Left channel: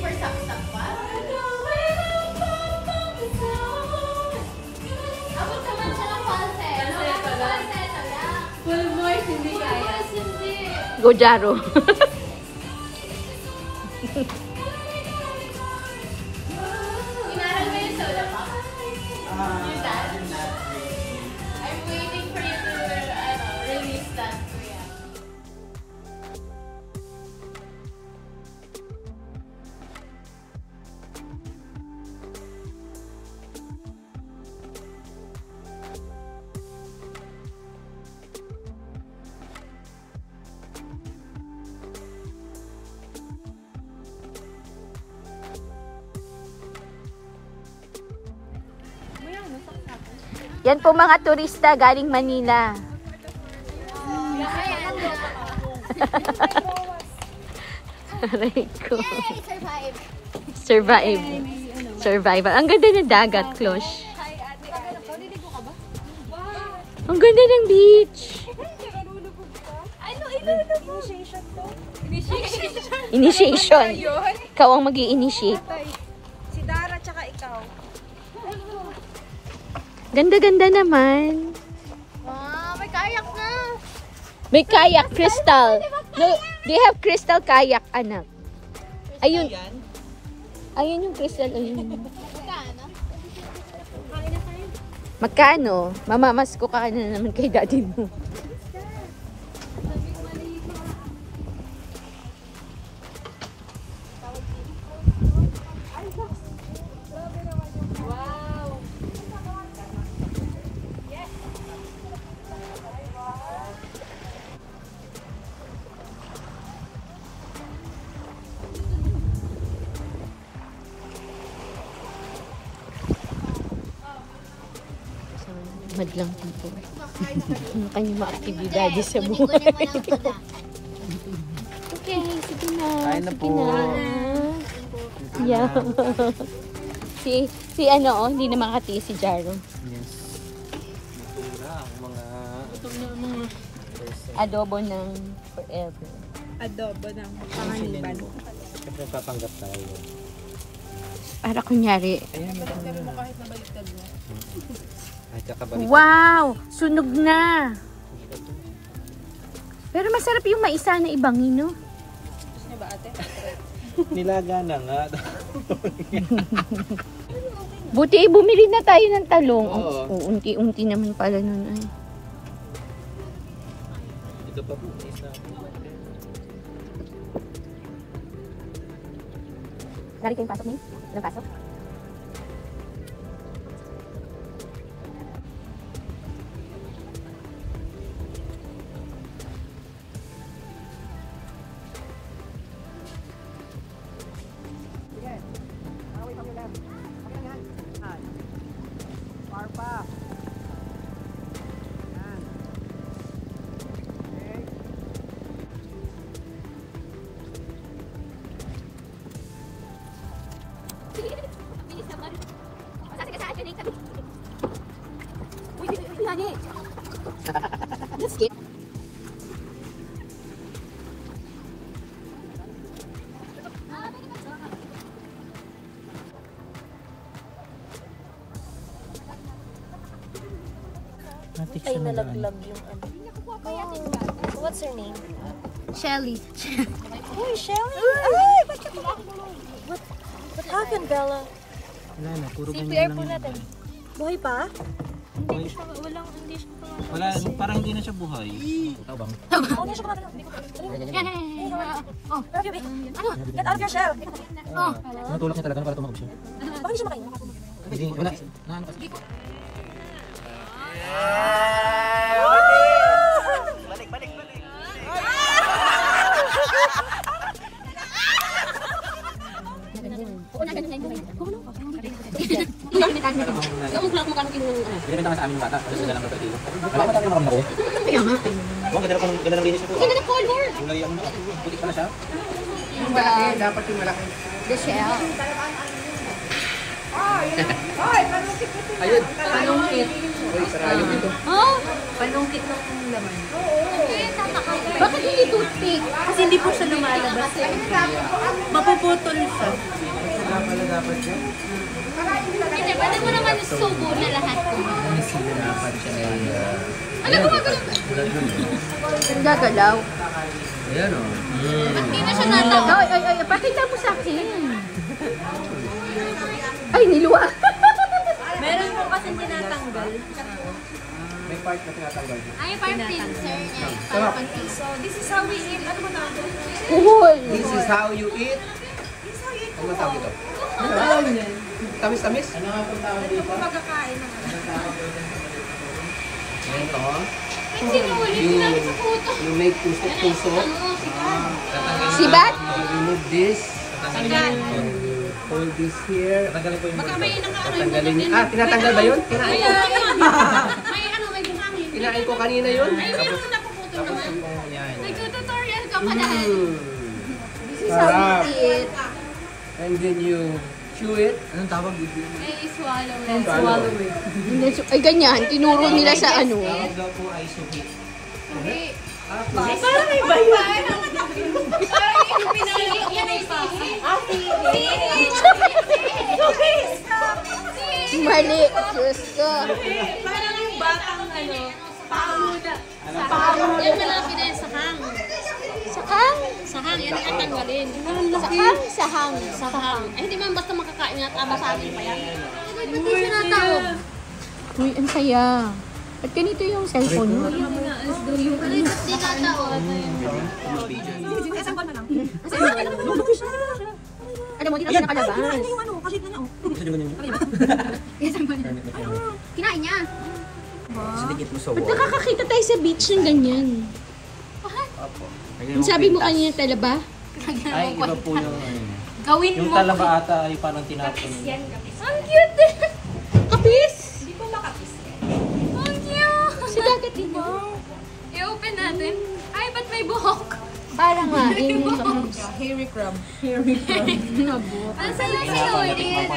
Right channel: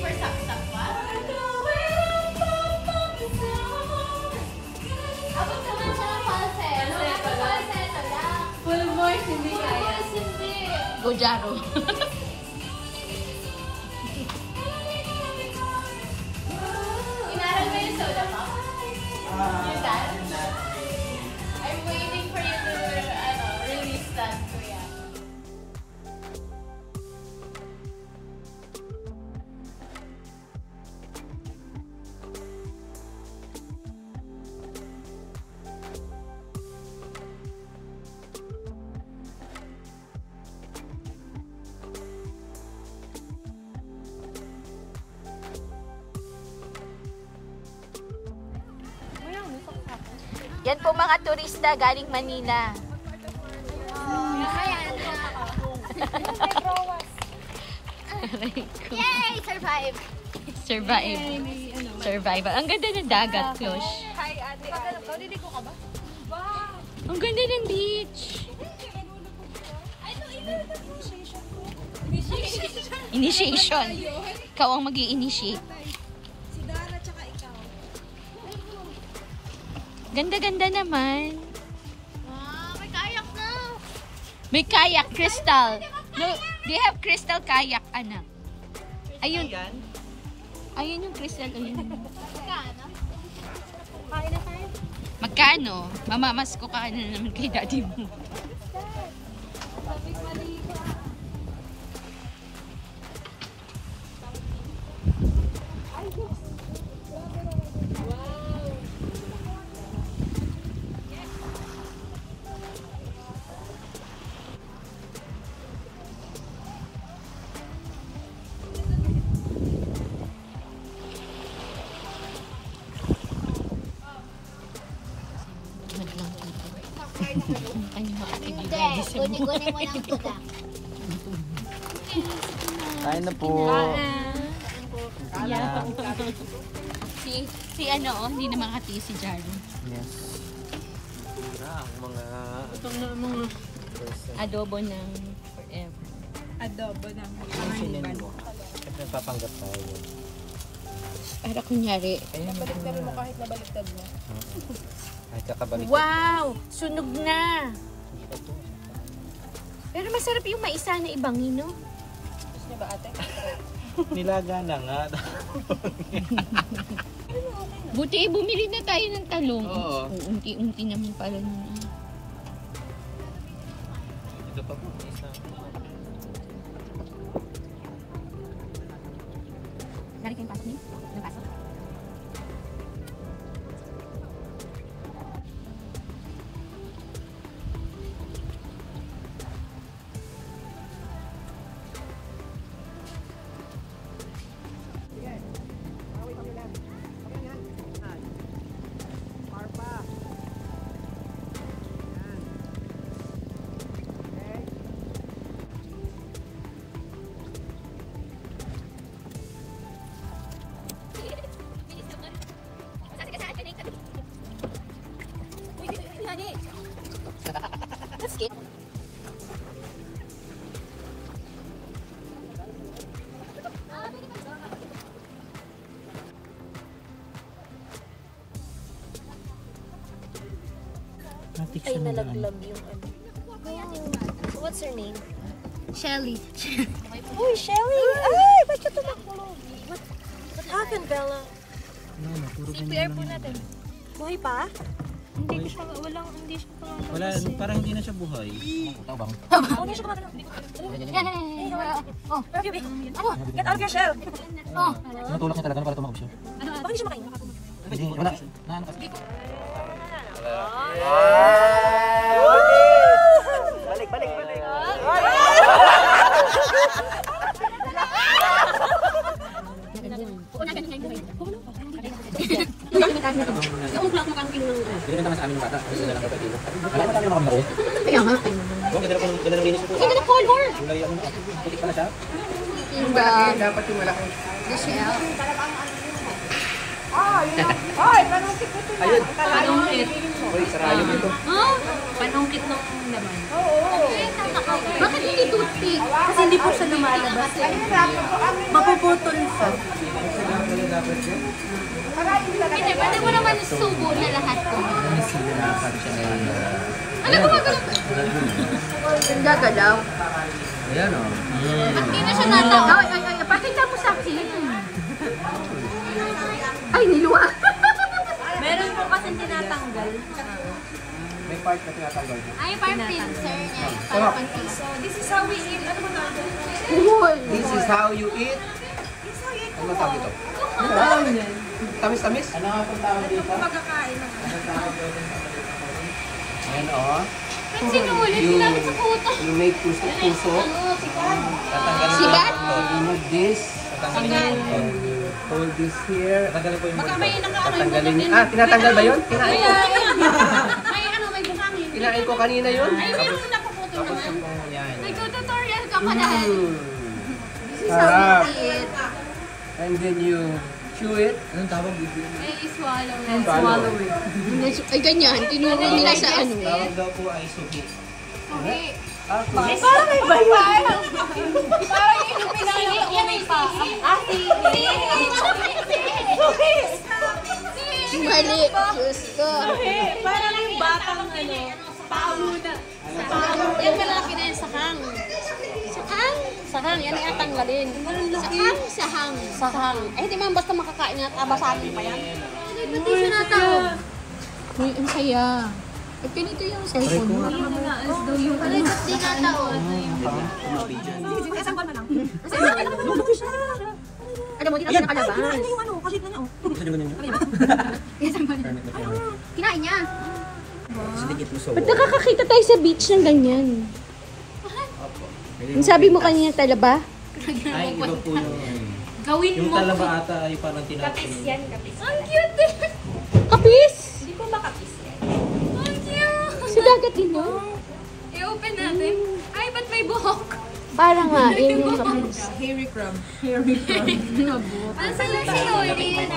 for saksak pa? Abot naman siya ng falset. Falset lang. Full voice, hindi kaya. Hindi. Go, Jaro. Inaral mo yung soda pop? Yung dad? I'm waiting for you to release that, Kuya. Yan po mga turista galing Manila. Aray ko. Yay! Survive! Survive. Survive. Ang ganda ng dagat, Klosh. Ang ganda ng beach. Initiation. Ikaw ang mag-i-initiate. Si Dara tsaka ikaw. Ganda-ganda naman. Wow, may kayak na! May kayak, Crystal. No, they have Crystal kayak, anak. Ayun. Ayun yung Crystal. Ayun. Magkano? Magkano? Mamamasko ka na naman kay daddy mo. Madlang people. Ano kanyang mga aktibidades sa buhay. Okay, sige na. Kain na po. Yeah. si ano, oh, hindi na makatiis si Jaro. Yes. Ang mga Adobo ng forever. Adobo ng panganiban. Siyempre papanggap tayo. Para kunyari. Pero mo kahit nabaliktad mo. Ay, kakabalik. Wow! Sunog na! Pero masarap yung maisa na ibangin, no? Kasi ba ate? Nilaga na nga. Buti bumili na tayo ng talong. Oo. Unti-unti naman pala nun. Ay. Ito pa po. Isa. Lari kayong pasok niyo? Ilang pasok? Ay, nalaglag yung ano. What's her name? Shelly. Uy, Shelly! Ay, ba't siya tumakbo? What happened, Bella? Wala na, puro CPR ganyan po lang. natin. Buhay pa? Buhay. Hindi siya pa. Wala, parang hindi na siya buhay. Ikaw bang? Oh, hindi siya pa. Oh. Get out of your shell! Tinutulak niya talaga para tumakbo siya. Baka hindi siya makain. Hindi, wala. Nahan kasi. Binibenta nga sa amin yung bata. Kasi sila lang kapatid. Wala ba tayo mga kamari? Kaya nga. Oo, ganda ng linis ito. Ganda na color. Yung lagyan mo na. Putik pa na siya. Yung malaki, dapat yung malaki. The shell. Ay, panungkit ko sila. Ayun. Panungkit. Uy, sarayong ito. Oh, panungkit ng laman. Bakit hindi toothpick? Kasi hindi po siya lumalang. kasi. Mapuputol siya. Hindi, pwede mo naman subo na lahat ko. Ano gumagalaw? Gagalaw. Ayan o. Ba't di na siya natawa? Ay, pakita mo sa akin. Ay, niluwa. Meron po kasi tinatanggal. May part na tinatanggal. Ay, parang pincer niya. Parang pang-pincer. So, this is how we eat. Ano ba tawag? Uhol. This is how you eat. Ano tawag ito? Tamis-tamis? Ano nga itong tawag dito? Pagkakain ng Ayan o. Ba't sinulit? Ginamit sa puto. You make tusok-tusok. Tatanggalin Si Bat? You remove this. Tatanggalin. Hold this here. Tatanggalin po yung Baka may nakaano yung tatanggalin niya. Ah, tinatanggal ba yun? Kinain ko. May ano, may buhangin. Kinain ko kanina yun. Ay, meron na napuputo naman. Yan. Nag-tutorial ka pa dahil. Sarap. And then you chew it. Anong tawag dito? Ay, swallow. Swallow. Ay, ganyan. Tinuro nila sa ano. Tawag daw po ay sugi. Parang may babae. Parang yung pinili. Yan ay pa. Mali. Diyos ko. Parang yung batang ano, pao na. Yan malaki na yung sahang. Sakang. Sahang, yan ay atanggalin. Sakang. Sahang. Sahang. Eh, hindi man basta makakain na tama sa akin pa yan. Ba't di siya natawag? Uy, ang saya. At ganito yung cellphone mo. Pare, ba't di natawag? Isang buwan na lang. Alam mo, hindi na nakalabas. Ano yung ano? Kasi na niya, oh. Gusto nyo ganyan yun? Kinain niya. Sinikit mo sa Ba't wall. nakakakita tayo sa beach ng ganyan? Ang sabi mo kanina talaba? Ay, iba po yung... Gawin Yung mo. talaba ata ay parang tinapon. Ang cute din. Kapis! Hindi ko makapis. Ang cute. Sa dagat din yun. I-open natin. Ay, ba't may buhok? Parang nga, yun yung Hairy crab. Ang sayang sinulit.